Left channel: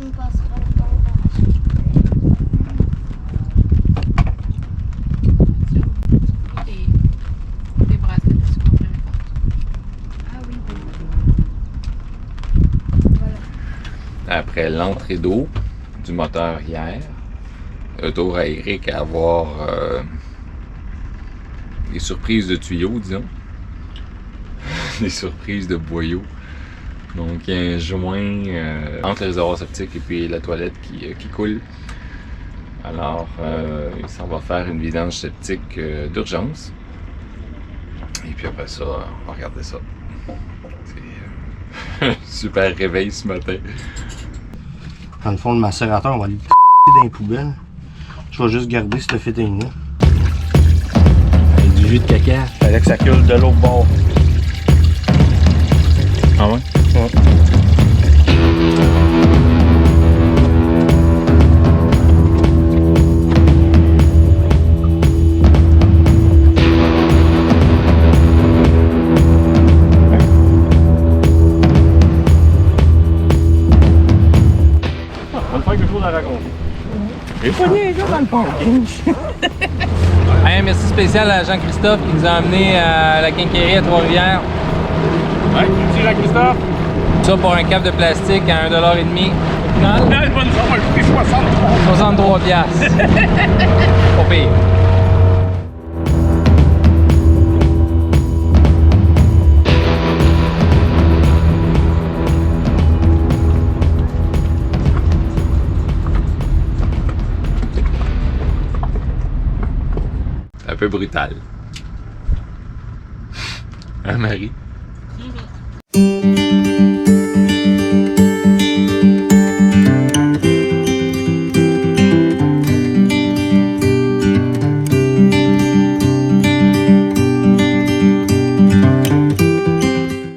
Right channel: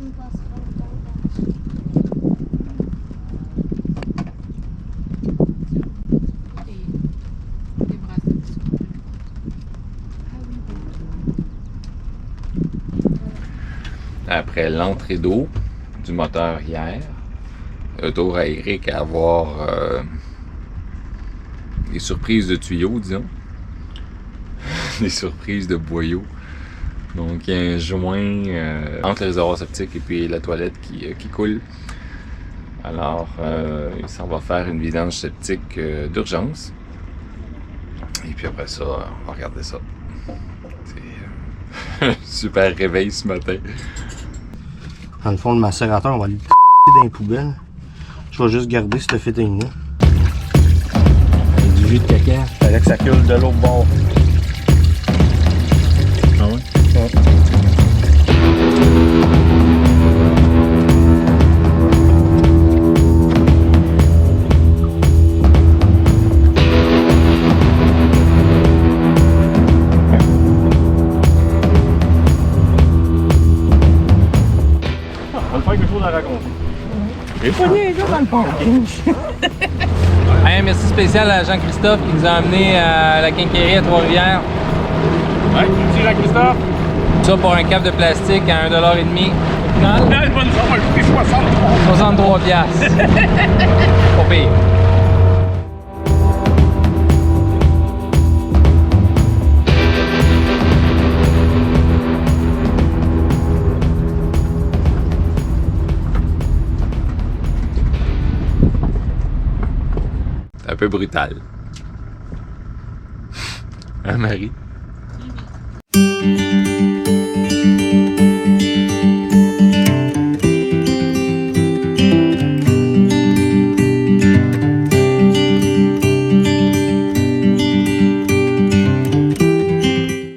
On passera le temps d'arracher. Des bracelets sur le premier. Ah oui. Après l'entrée d'eau du moteur hier, retour à Eric à avoir des surprises de tuyaux, disons. Des surprises de boyaux. Donc il y a un joint entre le réservoir septique et puis la toilette qui coule. Alors il s'en va faire une vidange septique d'urgence. Et puis après ça, on va regarder ça. C'est un super réveil ce matin. Dans le fond, le macérateur, on va le dans les poubelles. Je vais juste garder cette fitting-là. Avec du jus de caca. Fallait que ça coule de l'autre bord. Ah ouais? Ouais. On va faire quelque chose à raconter. J'ai pas des gars dans le parking. Hey, merci spécial à Jean-Christophe qui nous a amenés à la quincaillerie à Trois-Rivières. Ouais, merci Jean-Christophe. Ça pour un cap de plastique à 1,5 $. Au final, Là, le bonne ça va coûter 63. 63 piastres. Pas pire. C'est un peu brutal. Hein, Marie?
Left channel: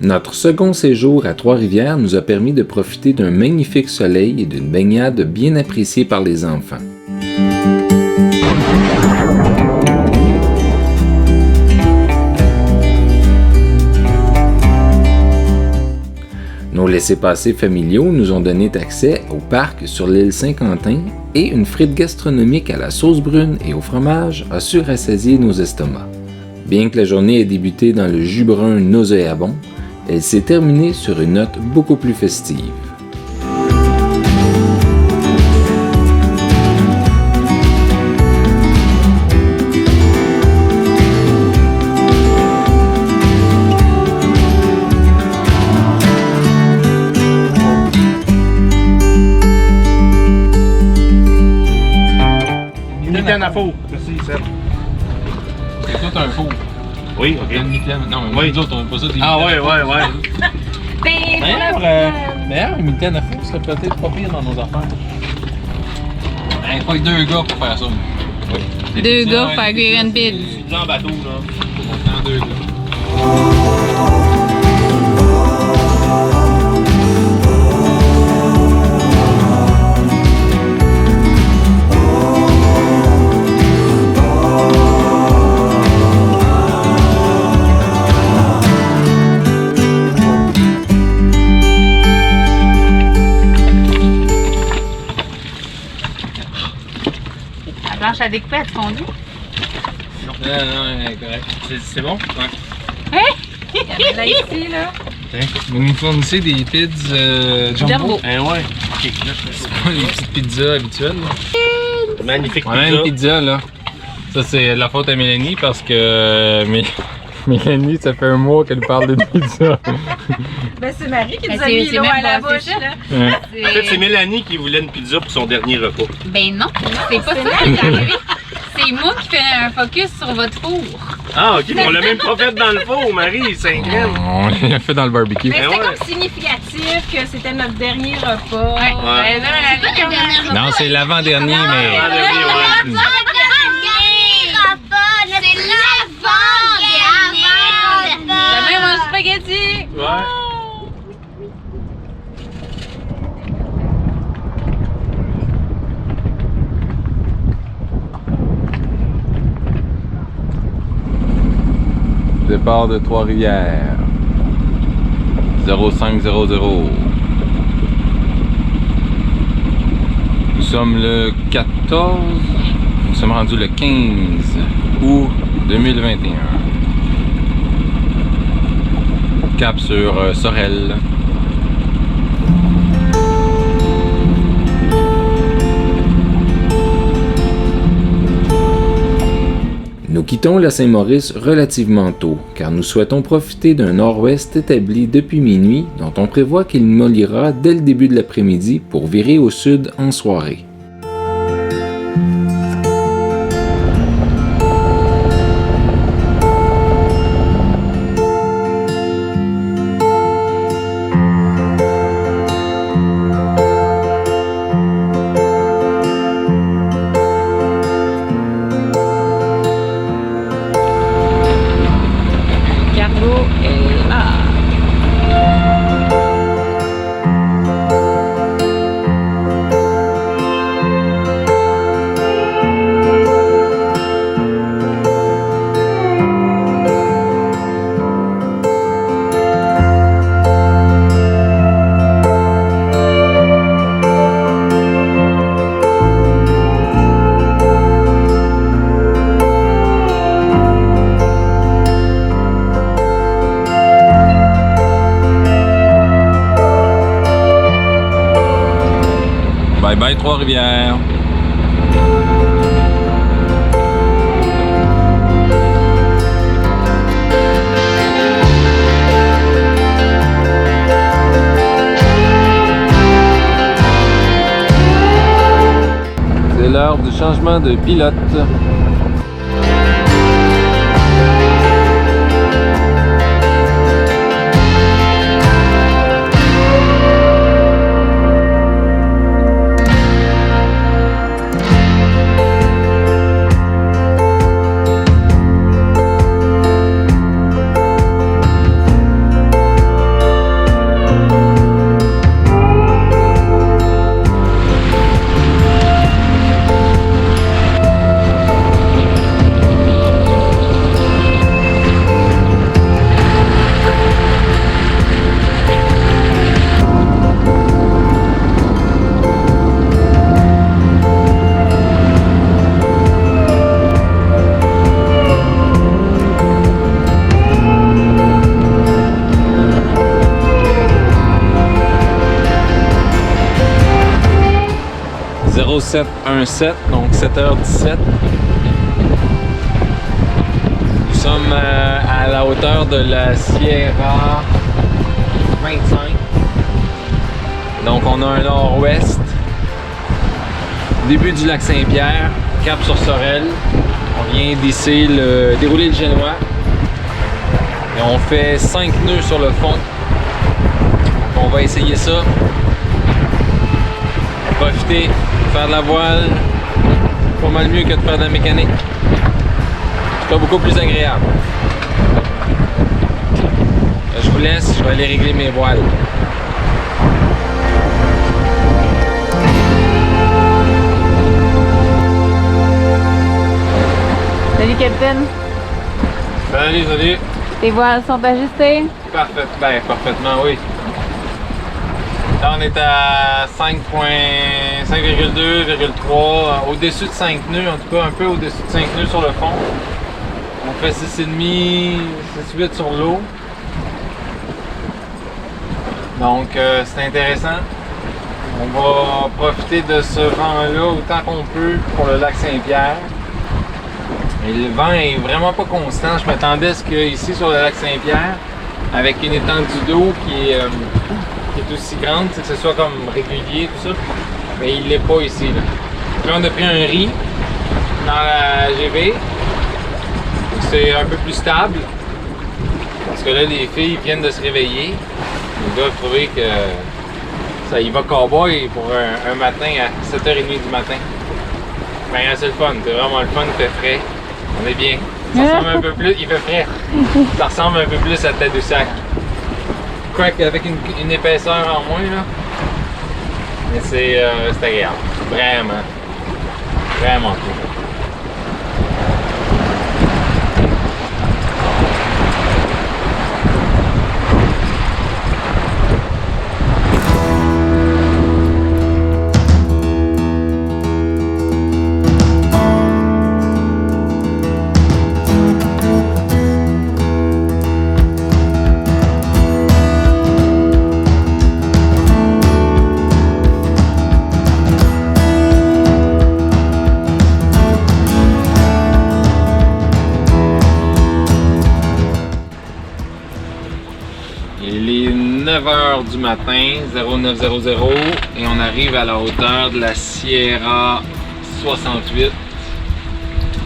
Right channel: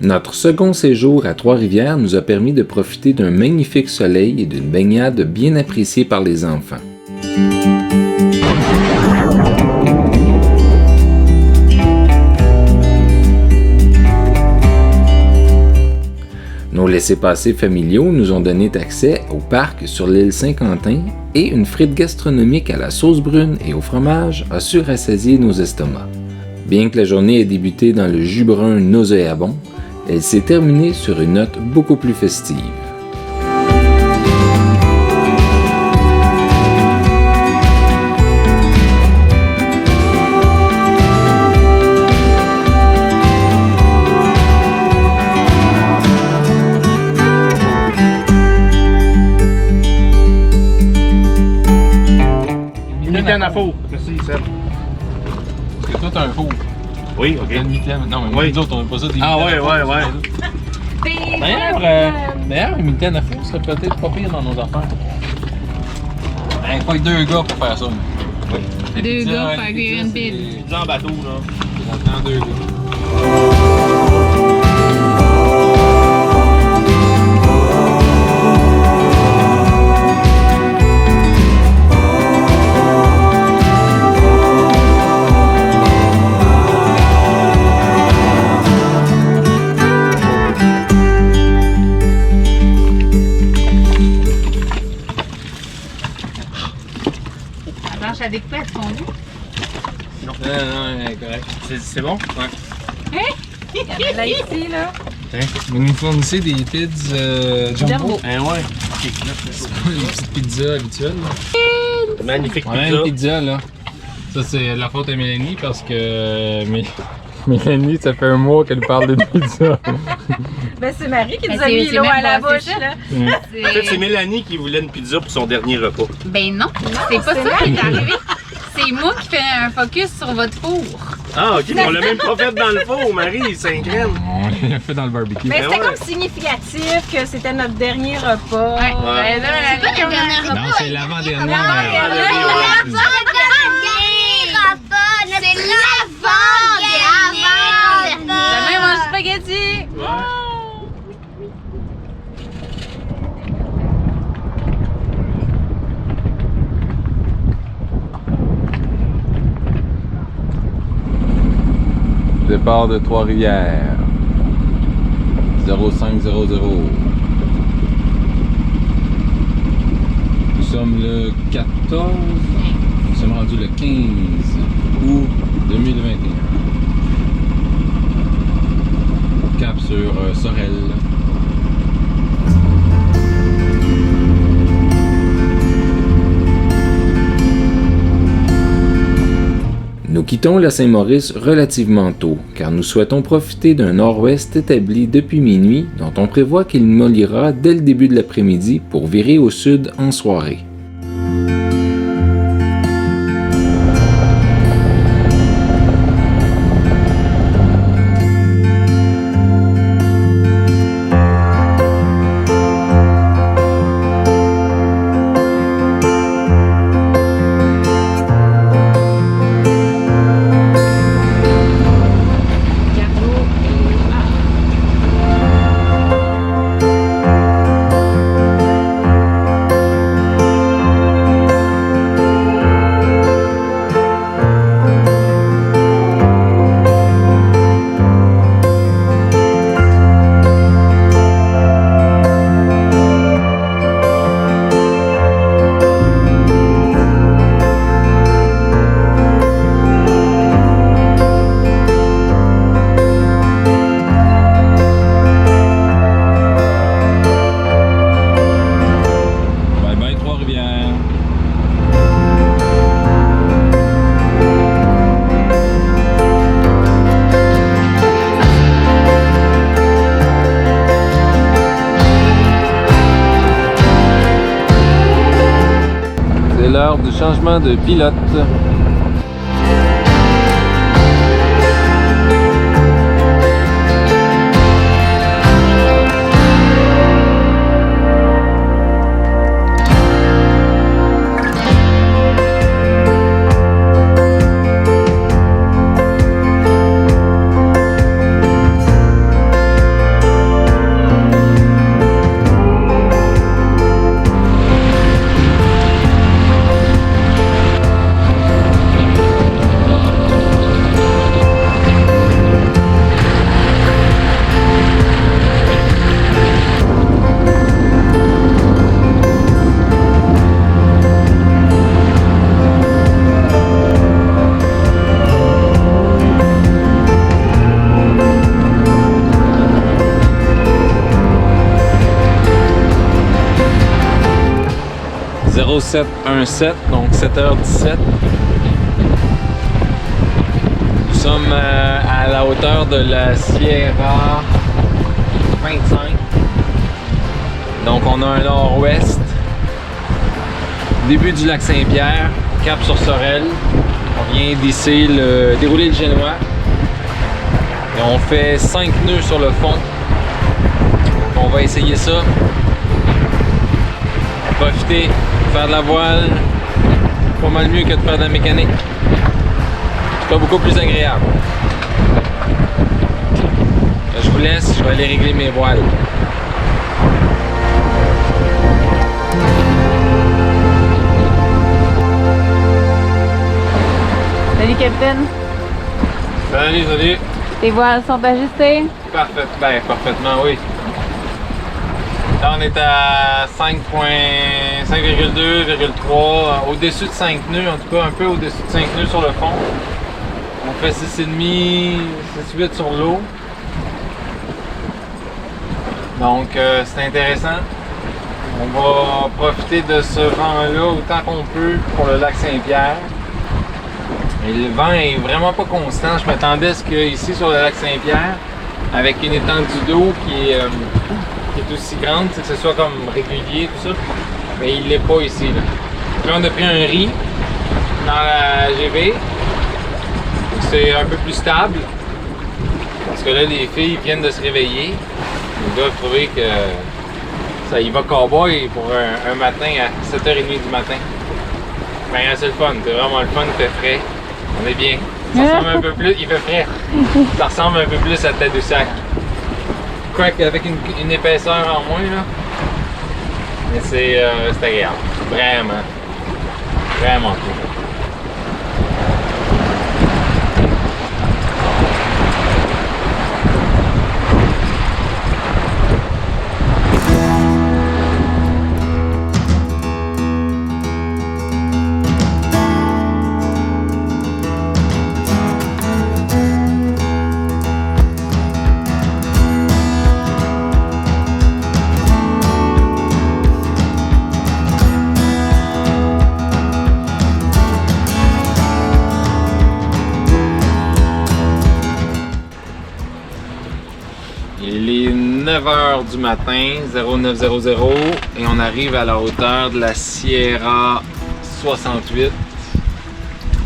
Notre second séjour à Trois-Rivières nous a permis de profiter d'un magnifique soleil et d'une baignade bien appréciée par les enfants. Nos laissez-passer familiaux nous ont donné accès au parc sur l'île Saint-Quentin et une frite gastronomique à la sauce brune et au fromage a su rassasier nos estomacs. Bien que la journée ait débuté dans le jus brun nauséabond, elle s'est terminée sur une note beaucoup plus festive. Mitaine à four. Merci, Seb. C'est tout un four. Oui, ok. Une mitaine. Non, mais Oui. nous autres, on n'a pas ça des Ah mitaines ouais, à four. ouais. D'ailleurs, une mitaine à four serait peut-être pas pire dans nos affaires. Il faut 2 gars pour faire ça. Oui. Deux gars pour faire cuire une pile. Pizza en bateau, là. On prend 2 gars. La planche à découper, elle fondue. Non, correct. C'est bon? Ouais. Il y en a là ici, là. Vous nous fournissez des pizzas jumbo. Jumbo. Eh ouais. Ok, là, C'est pas les petites pizzas habituelles. Là. magnifique On a pizza. une pizza là. Ça c'est de la faute à Mélanie parce que Mélanie, ça fait un mois qu'elle parle de pizza. Ben, c'est Marie qui Ben, nous a mis c'est l'eau même à la pas- bouche, c'est ça. là. En fait, c'est Mélanie qui voulait une pizza pour son dernier repas. Ben non, c'est pas ça qui est arrivé. C'est moi qui fais un focus sur votre four. Ah, ok, mais on l'a même pas fait dans le four, Marie, 5 graines. On l'a fait dans le barbecue. Mais Ben c'était ouais. comme significatif que c'était notre dernier repas. Ouais. Ouais. Ben là, elle avait comme un- Non, c'est l'avant-dernier, Ah, mais. dernier, ouais. La même en spaghetti. Ouais. Départ de Trois-Rivières. 0500. sommes le 14, nous sommes rendus le 15 août 2021. Cap sur Sorel. Nous quittons la Saint-Maurice relativement tôt, car nous souhaitons profiter d'un nord-ouest établi depuis minuit, dont on prévoit qu'il mollira dès le début de l'après-midi pour virer au sud en soirée. Bye bye Trois-Rivières. C'est l'heure du changement de pilote. « 0717, donc 7h17. Nous sommes à la hauteur de la Sierra 25. Donc on a un nord-ouest. Début du lac Saint-Pierre, cap sur Sorel. On vient d'ici dérouler le Génois. Et on fait 5 nœuds sur le fond. Donc on va essayer ça. Profiter. Faire de la voile, pas mal mieux que de faire de la mécanique. C'est pas beaucoup plus agréable. Là, je vous laisse, je vais aller régler mes voiles. Salut, capitaine. Salut, salut. Tes voiles sont ajustées? Parfait, ben, parfaitement, oui. Là, on est à 5,2, 5,3, au-dessus de 5 nœuds, en tout cas un peu au-dessus de 5 nœuds sur le fond. On fait 6,5, 6,8 sur l'eau. Donc c'est intéressant. On va profiter de ce vent-là autant qu'on peut pour le lac Saint-Pierre. Et le vent est vraiment pas constant. Je m'attendais à ce qu'ici sur le lac Saint-Pierre, avec une étendue d'eau qui est aussi grande, que ce soit comme régulier, tout ça. Mais il l'est pas ici. Là, on a pris un riz dans la GV. C'est un peu plus stable. Parce que là, les filles viennent de se réveiller. Ils doivent trouver que ça y va cowboy pour un matin à 7h30 du matin. Ben, c'est le fun. C'est vraiment le fun. Il fait frais. On est bien. Ça ressemble un peu plus. Il fait frais. Ça ressemble un peu plus à Tadoussac. Quoique avec une épaisseur en moins, là. Mais c'est agréable. Vraiment. Vraiment cool. 9h du matin, 0900, et on arrive à la hauteur de la Sierra 68.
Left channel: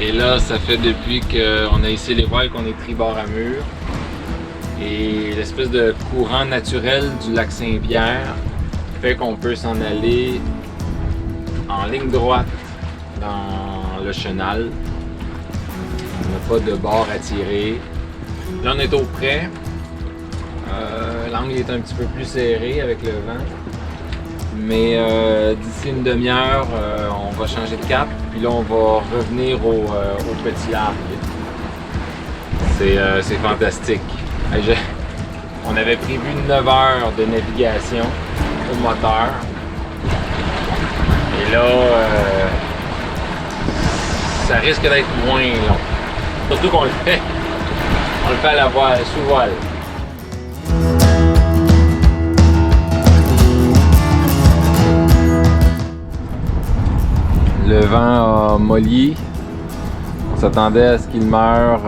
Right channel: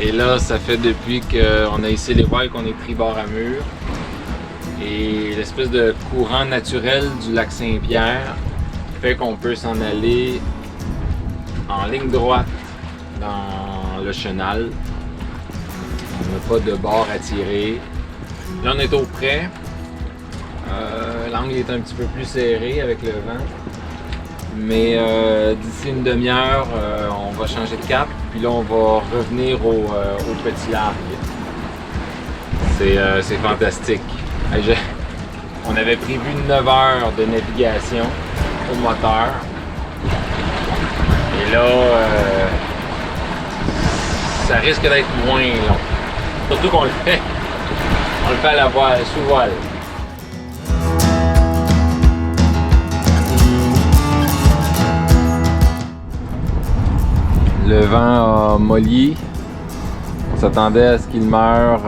Et là, ça fait depuis qu'on a hissé les voiles qu'on est tribord à mur. Et l'espèce de courant naturel du lac Saint-Pierre fait qu'on peut s'en aller en ligne droite dans le chenal. On n'a pas de bord à tirer. Là, on est au près. L'angle est un petit peu plus serré avec le vent. Mais d'ici une demi-heure, on va changer de cap. Puis là, on va revenir au petit large. C'est fantastique. On avait prévu 9 heures de navigation au moteur. Et là, ça risque d'être moins long. Surtout qu'on le fait à la voile, sous voile. Le vent a molli. On s'attendait à ce qu'il meure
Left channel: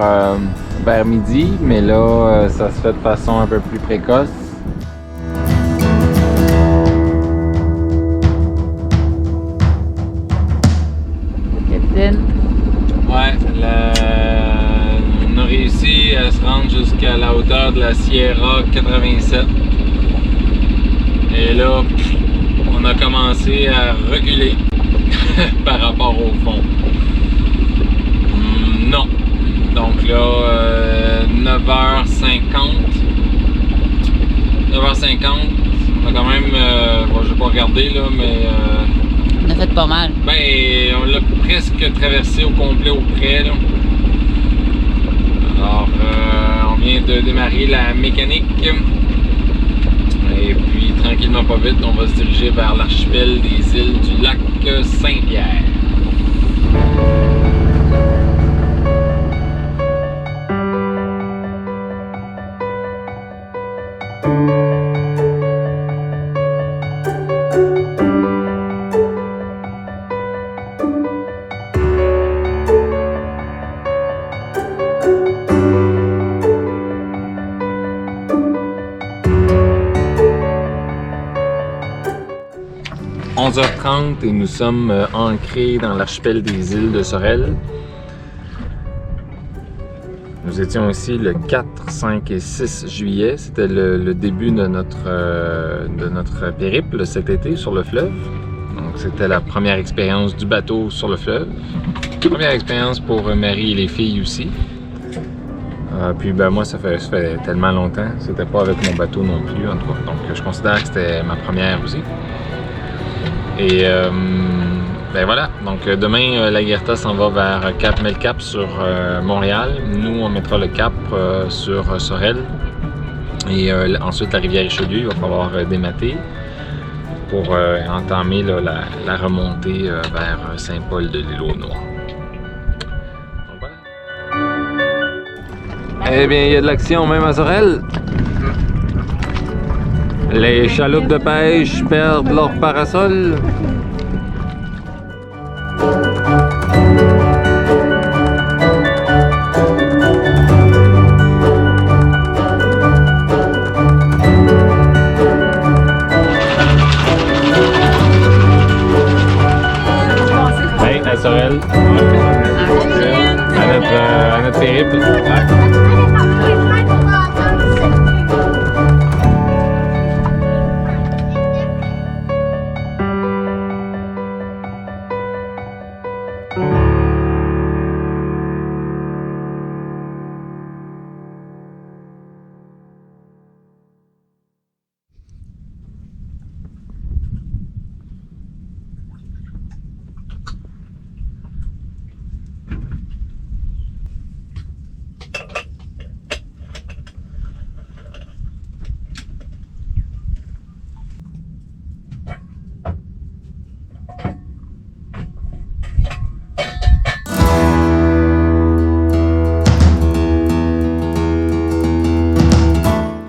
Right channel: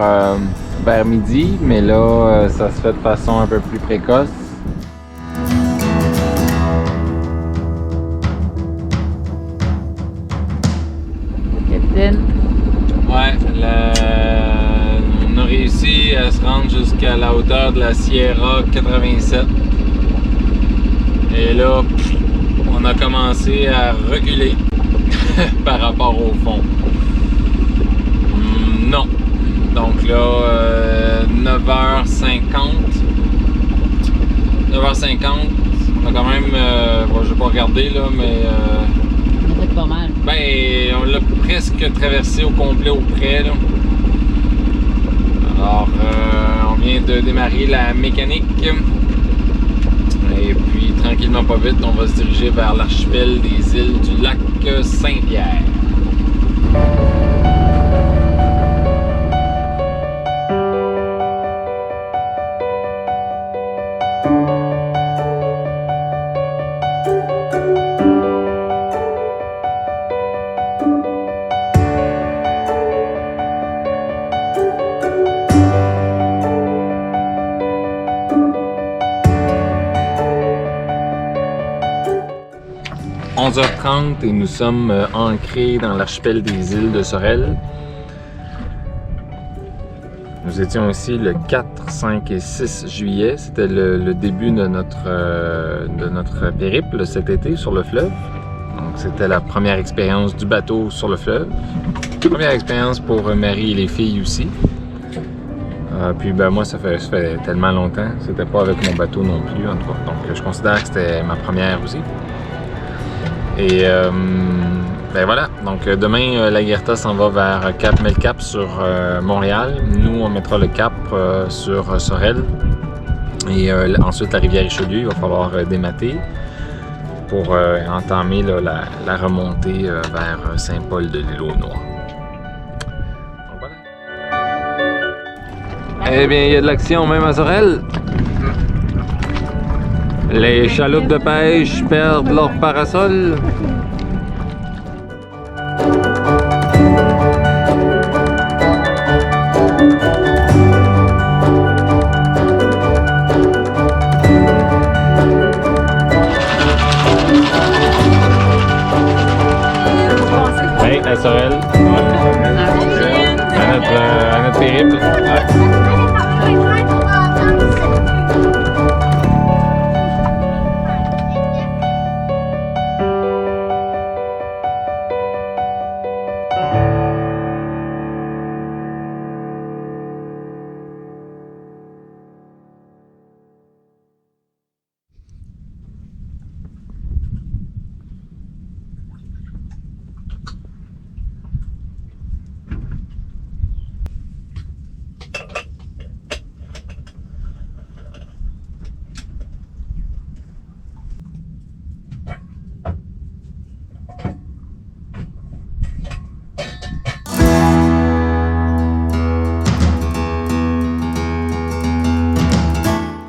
vers midi, mais là, ça se fait de façon un peu plus précoce. Capitaine. Ouais, on a réussi à se rendre jusqu'à la hauteur de la Sierra 87. Et là, on a commencé à reculer par rapport au fond. Non. Donc là, 9h50. 9h50. On a quand même, bon, je vais pas regarder là, mais On a fait pas mal. ben, on l'a presque traversé au complet au près là. Alors, on vient de démarrer la mécanique. Et puis, tranquillement pas vite, on va se diriger vers l'archipel des îles du lac Saint-Pierre. « 11h30 et nous sommes ancrés dans l'archipel des îles de Sorel. Nous étions ici le 4, 5 et 6 juillet. C'était le début de notre périple cet été sur le fleuve. Donc c'était la première expérience du bateau sur le fleuve. Première expérience pour Marie et les filles aussi. Puis ben moi ça fait tellement longtemps. C'était pas avec mon bateau non plus en tout cas. Donc je considère que c'était ma première aussi. Et ben voilà, donc demain l'Aguerta s'en va vers Cap Melcap sur Montréal. Nous on mettra le cap sur Sorel. Et ensuite la rivière Richelieu, il va falloir démater pour entamer là, la remontée vers Saint-Paul de l'Île-aux-Noix. Donc voilà. Eh bien il y a de l'action même à Sorel. Les chaloupes de pêche perdent leur parasol. Hey, à Sorel. À notre périple.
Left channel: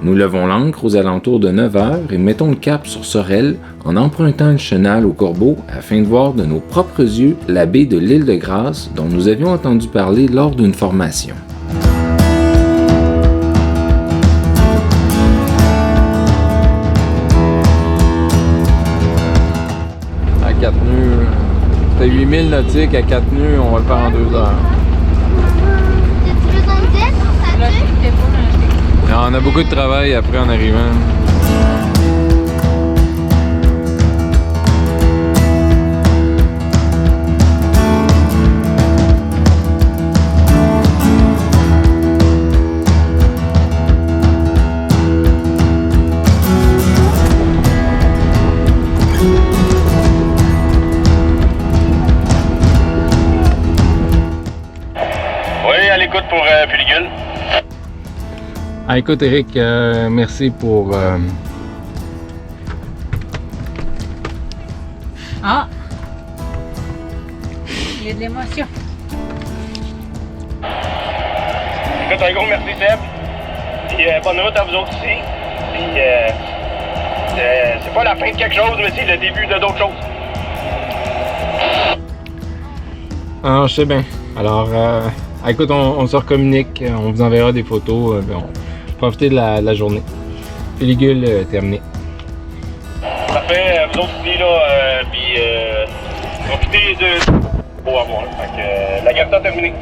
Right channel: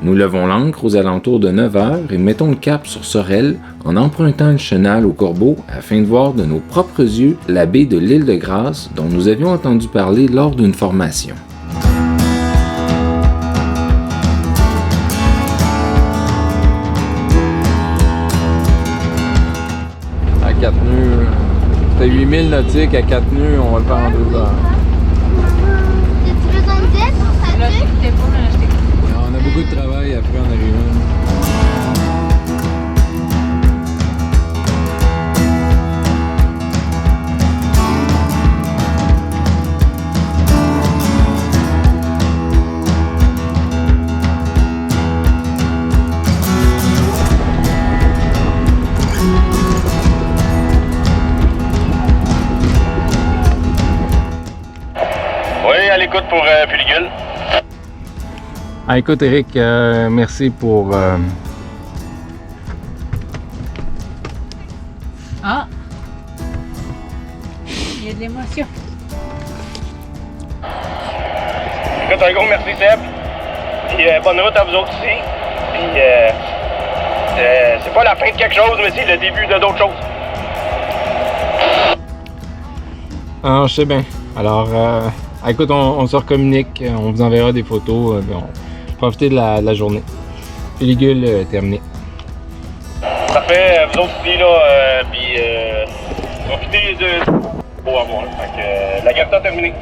Nous levons l'ancre aux alentours de 9 h et mettons le cap sur Sorel en empruntant le chenal au Corbeau afin de voir de nos propres yeux la baie de l'île de Grâce dont nous avions entendu parler lors d'une formation. 4 nœuds. C'était 8000 nautiques à 4 nœuds, on va le faire en 2 heures. T'as-tu besoin de tête pour ça? Là, c'était pas dans la Et on a beaucoup de travail après en arrivant. Oui, à l'écoute pour Puligul. Ah, écoute Eric, merci pour... Ah! Il y a de l'émotion. Écoute, un gros merci Seb. Puis bonne route à vous autres ici. Puis c'est pas la fin de quelque chose, mais c'est le début de d'autres choses. Ah, je sais bien. Alors, écoute, on se recommunique, on vous enverra des photos. Profitez de la journée. Pellicule terminée. Parfait, vous autres ici, là, puis profitez de... Beau à voir, là. Fait que la garde terminée.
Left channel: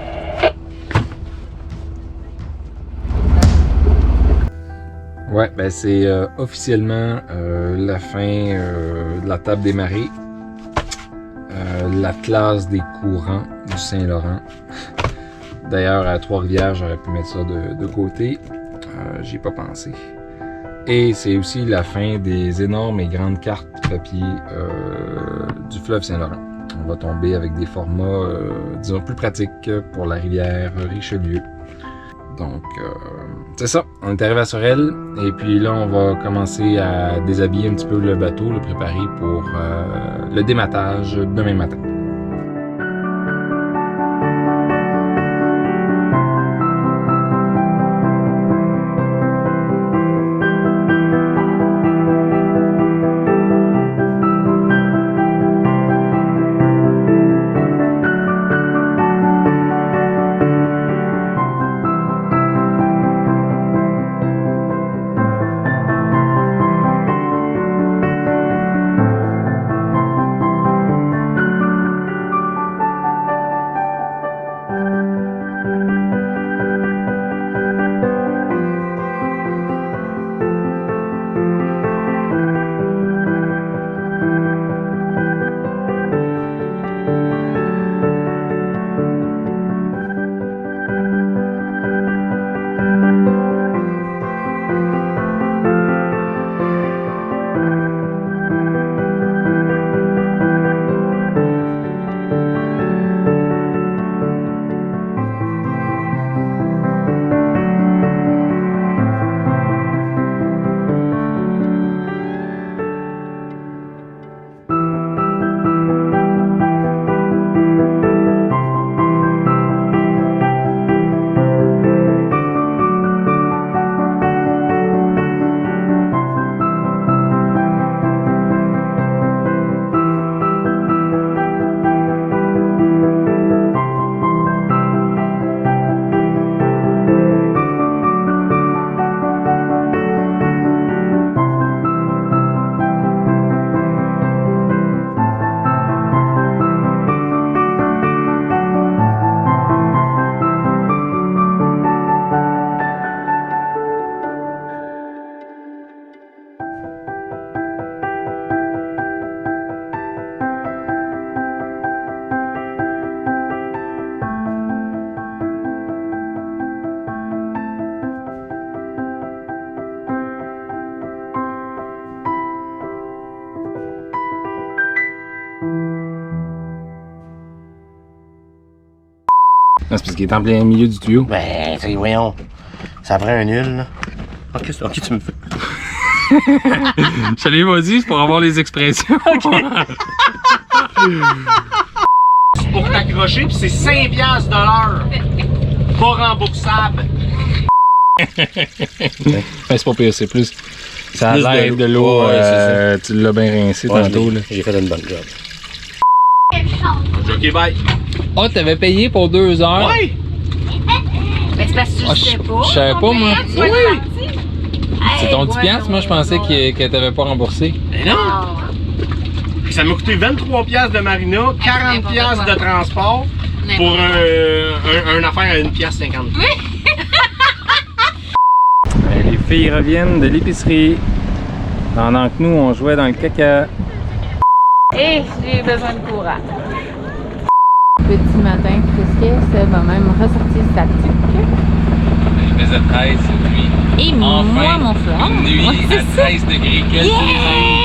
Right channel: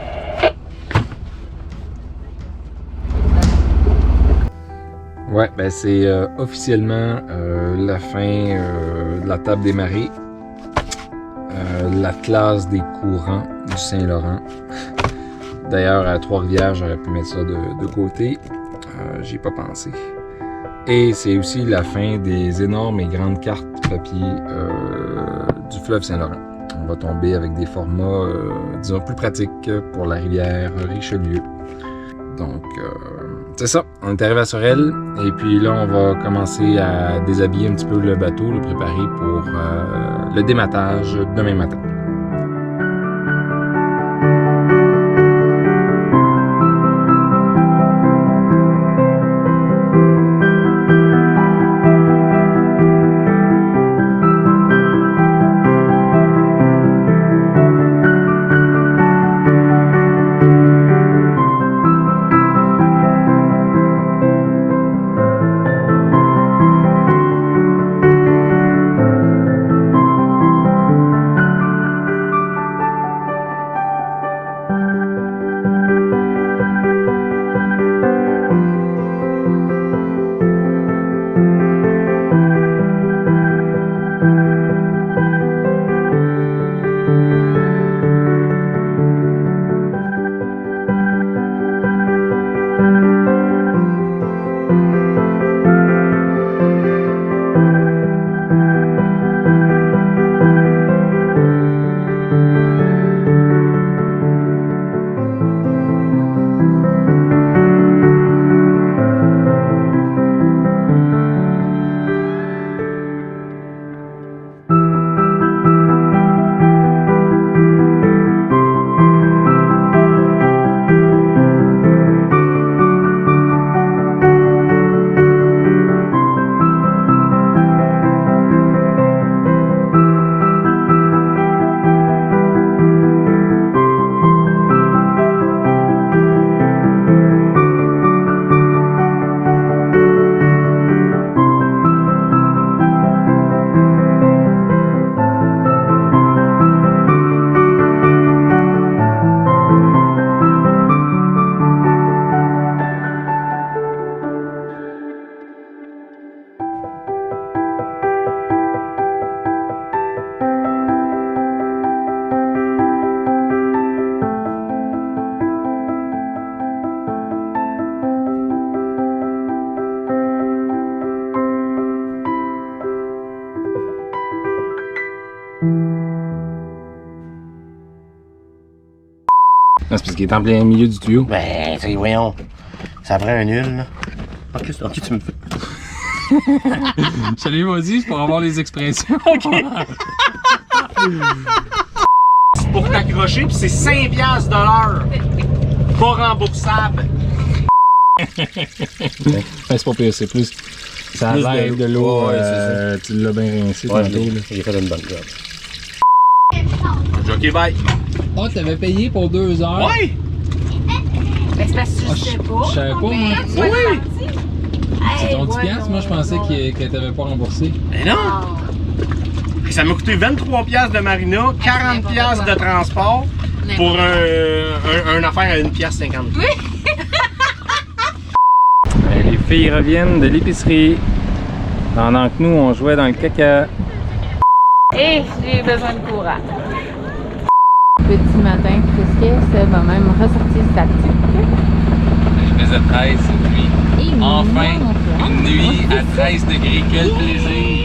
Ouais, ben c'est officiellement la fin de la table des marées. L'Atlas des courants du Saint-Laurent. D'ailleurs, à Trois-Rivières, j'aurais pu mettre ça de côté. J'y ai pas pensé. Et c'est aussi la fin des énormes et grandes cartes papier du fleuve Saint-Laurent. On va tomber avec des formats, disons, plus pratiques pour la rivière Richelieu. Donc, c'est ça. On est arrivé à Sorel. Et puis là, on va commencer à déshabiller un petit peu le bateau, le préparer pour le dématage demain matin. Non, c'est parce qu'il est en plein milieu du tuyau. Ben, voyons. Ça prend un nul, là. Ok, tu me fais. Je l'ai pas dit, c'est pour avoir les expressions. Pour t'accrocher, puis c'est 5$ de l'heure. Pas remboursable. Ben, c'est pas pire, c'est plus. Ça a Plus de l'air l'eau. de l'eau. Ouais, c'est tu l'as bien rincé Ouais, tantôt. Là. j'ai fait une bonne job. Ok, bye. Oh, t'avais payé pour 2 heures? Ouais. Ben, c'est parce que tu sais pas. Je savais pas, moi. Oui. C'est ton 10$? Moi, je pensais que t'avais pas remboursé. Mais non. ça m'a coûté 23 piastres de marina, 40 piastres de transport pour un affaire à 1 piastre 50. Oui. Les filles reviennent de l'épicerie pendant que nous on jouait dans le caca. Et j'ai besoin de courant. Petit matin, frisquet, Seb a même ressorti sa tuque. Je faisais 13 cette nuit. Et Enfin, moi, mon frère. une nuit Ouais, à 13 degrés, quel plaisir!